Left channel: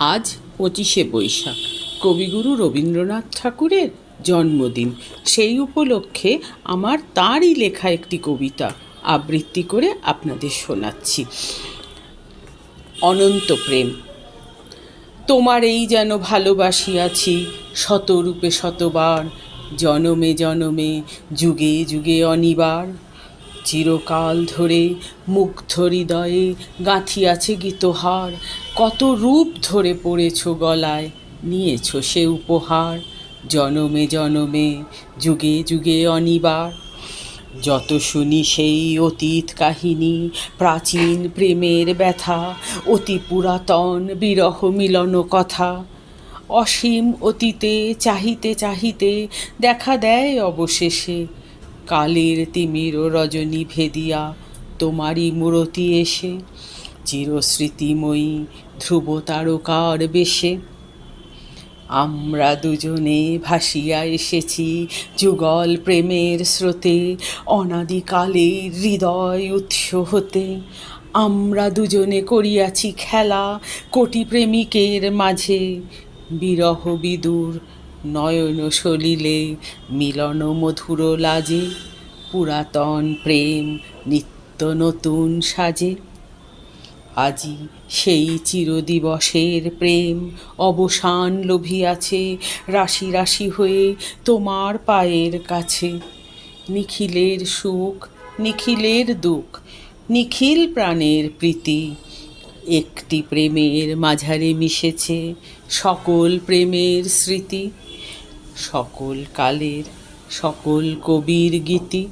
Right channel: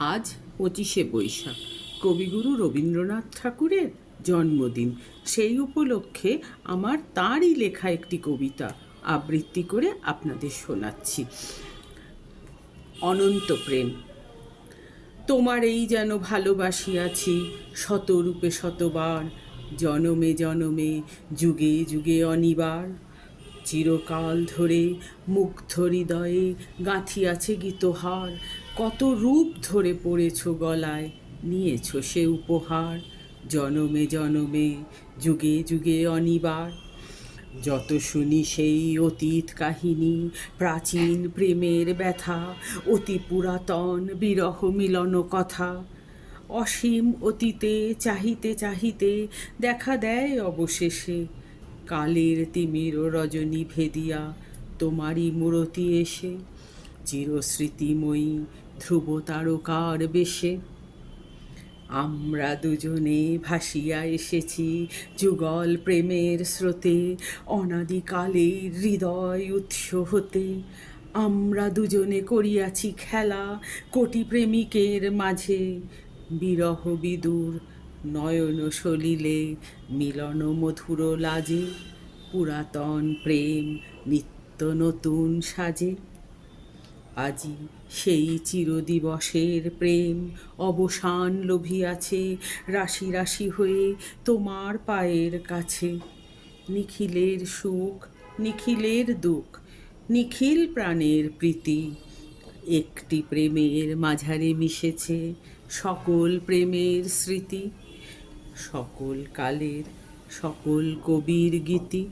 আজ 25শে বৈশাখ, কবিগুরু রবীন্দ্রনাথ ঠাকুরের জন্মদিন। সেই উপলক্ষে আমার তাঁরই লেখা একটি কবিতা আবৃত্তি করে আপনাদের শোনাচ্ছি। অনন্ত প্রেম। তোমার এই যেন ভালোবাসিয়াছি শতরূপে শতবার, জনমে জনমে যুগে যুগে অনিবার। চিরকাল ধরে মুগ্ধ হৃদয়ে গাঁথিয়াছে গীতহার, কত রূপ ধরে পড়েছ গলায়, নিয়েছ সে উপহার। জনমে জনমে যুগে যুগে অনিবার। যত শুনি সেই অতীত কাহিনী, প্রাচীন প্রেমের ব্যথা, অতি পুরাতন বিরহ মিলন কথা, অসীম অতীতে চাহিতে চাহিতে দেখা দেয় অবশেষে কালের তিমির রজনী ভেদিয়া তোমারই মূরতি এসে, চিরস্মৃতিময়ী ধ্রুব তারকার বেশে। আমরা দুজনে ভাসিয়া এসেছি যুগল প্রেমের স্রোতে, অনাদিকালের হৃদয় উৎস হতে। আমরা দুজনে করিয়াছি খেলা কোটি প্রেমিকের মাঝে, বিরহ বিদুর নয়ন সলিলে মিলন মধুর লাজে, পুরাতন প্রেম নিত্য নতুন সাজে। আজি সেই চিরদিবসের প্রেম অবসান লভিয়াছে, রাশি রাশি হয়ে তোমার পায়ের কাছে। নিখিলের সুখ নিখিলের দুঃখ, নিখিল প্রাণের প্রীতি, একটি প্রেমের মাঝারে মিশেছে সকল প্রেমের স্মৃতি, সকল কালের সকল কবির গীতি।